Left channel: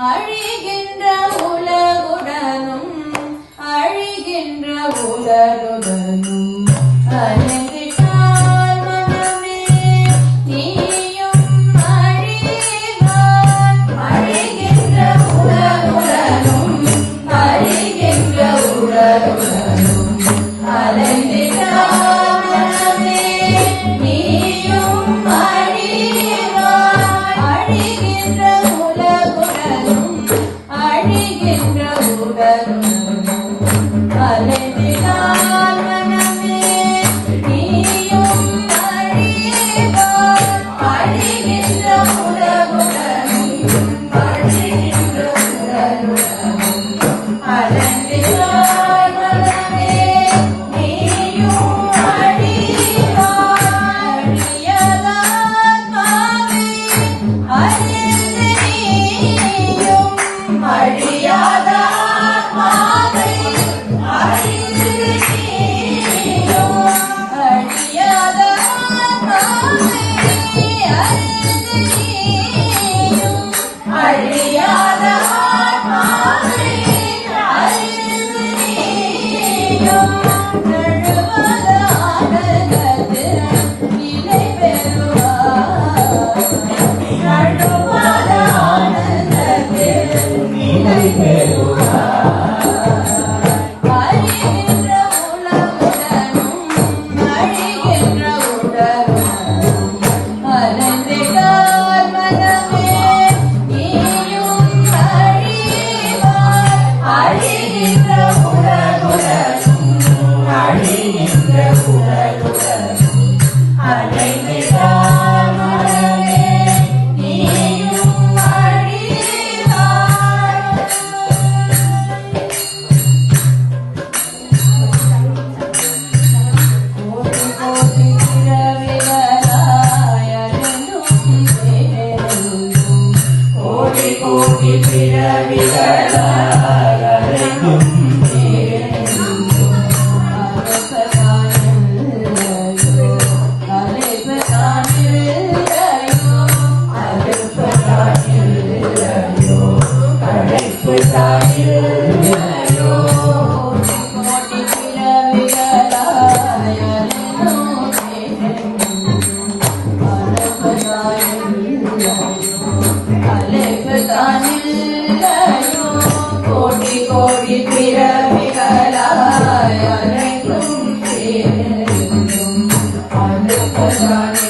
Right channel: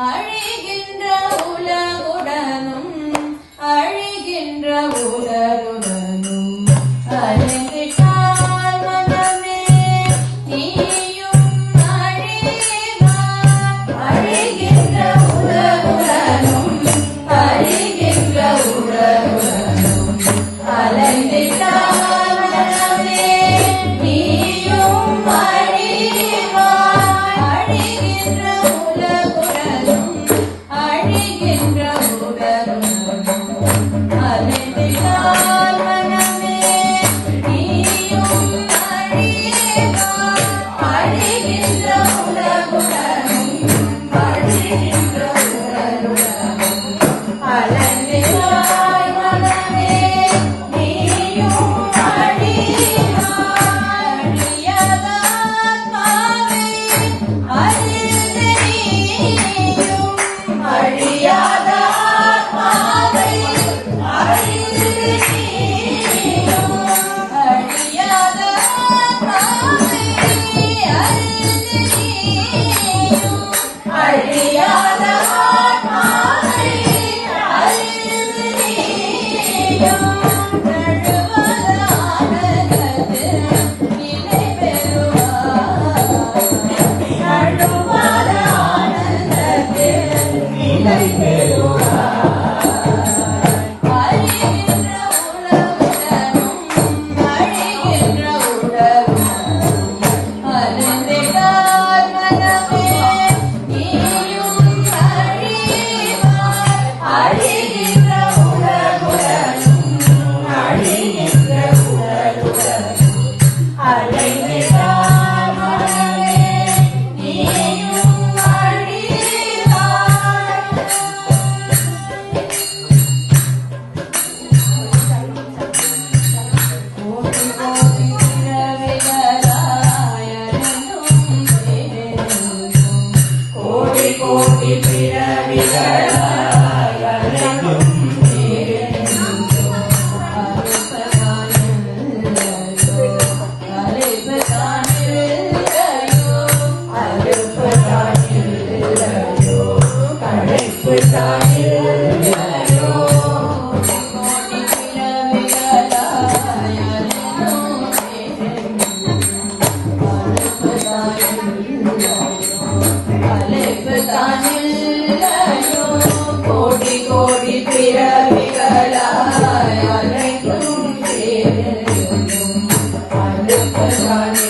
அழிகின்ற உலகுடனும் அழிகின்ற உலகுடனும் அழிந்திட்டால் மனமே நீயும் அழிவாய். அழிகின்ற உலகுடனும் அழிகின்ற உலகுடனும் அழிந்திட்டால் மனமே நீயும் அழிவாய். அழிகின்ற உலகுடனும் அழிகின்ற உலகுடனும் அழிந்திட்டால் மனமே நீயும் அழிவாய். அழிகின்ற உலகுடனும் அழிகின்ற உலகுடனும் அழிந்திட்டால் மனமே நீயும் அழிவாய். அழியாத ஆத்மாவை அறிந்து நீயும் அழியாத ஆத்மாவை அறிந்து நீயும் அழியாத ஆத்மாவை அறிந்து நீயும் நழுவதானது நிலை பெறுவாய். நழுவதானது நிலை அழிகின்ற உலகுடனும் அழிகின்ற உலகுடனும் அழிந்திட்டால் மனமே நீயும் அழிவாய். அழிகின்ற உலகுடனும் அழிகின்ற உலகுடனும் அழிந்திட்டால் மனமே நீயும் அழிவாய். கோடி கோடி பிறவிகளாய் அழிந்தும் தேடும். கோடி கோடி பிறவிகளாய் அழிந்தும் தேடும். அறுப்பதானில்லையோ அழைப்பதானில்லையோ அறுப்பதானில்லையோ அழைப்பதானில்லையோ. கோடி பிறவிகளாய் அழிந்தும் தேடும். அறுப்பதானில்லையோ அழைப்பதானில்லையோ. கோடி கோடி பிறவிகளாய் அழைத்தும் தேடும். அறுப்பதானில்லையோ